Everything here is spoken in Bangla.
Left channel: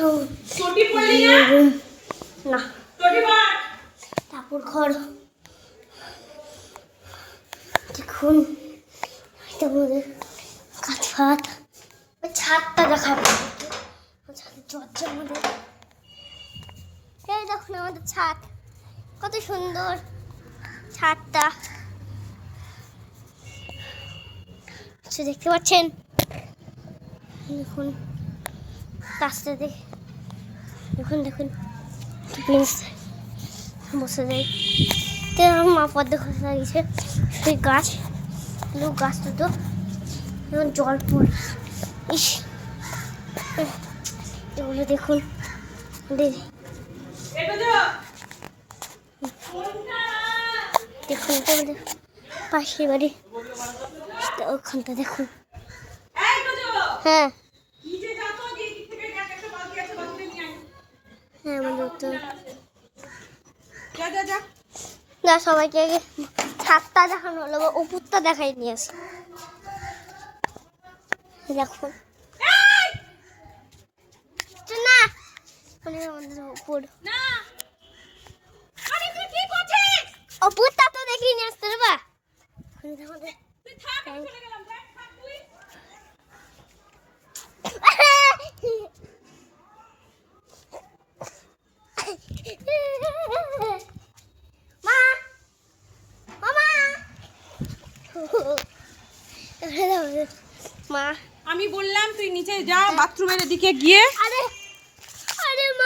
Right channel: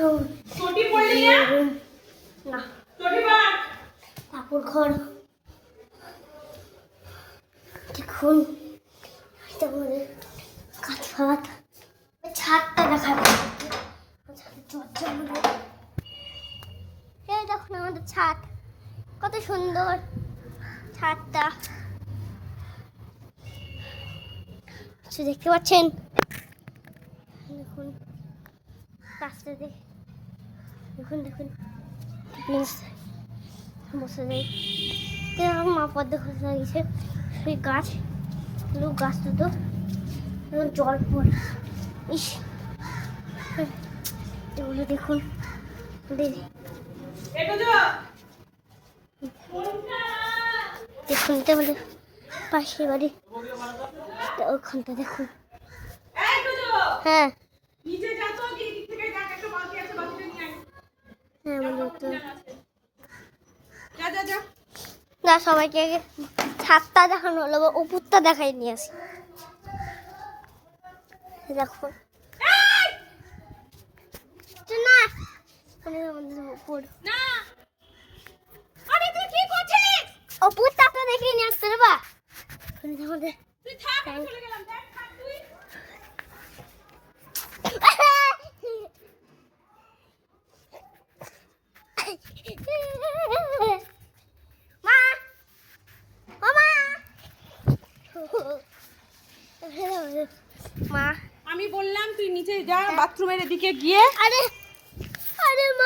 চটি পড়লি না না চটি পড় ঠাকুর ঘর দেখুন এটা আমাদের কাঠ ফাট ছাদটা দেখাবো চর্চা আমাদের এই দেখুন আমাদের ছাদ কত সুন্দর ছাদটা দেখতে পাচ্ছেন দেখুন রাস্তা দেখে দেখুন দেখুন প্রিন্স বসে যায় মা পদ্ম ঘাস লাগিয়েছে সেই গাছ গাছটা তো এখন জল পড় ইস এগুলো দেখুন দেখুন তো আমাদের পাশের বাড়ি ওখানটা দেখুন হ্যাঁ হ্যাঁ আমাদের তো না সবাইকে ছাদটা দেখানো হলো উপরটা দেখাই নিয়ে আসি দেখুন না আমাদের উপর উপরটা তো দেখিয়ে নিয়ে আসতে বা আমাদের মা আমি বললাম তুই নিচে যা বাথরুমের দিকে গিয়ে আরে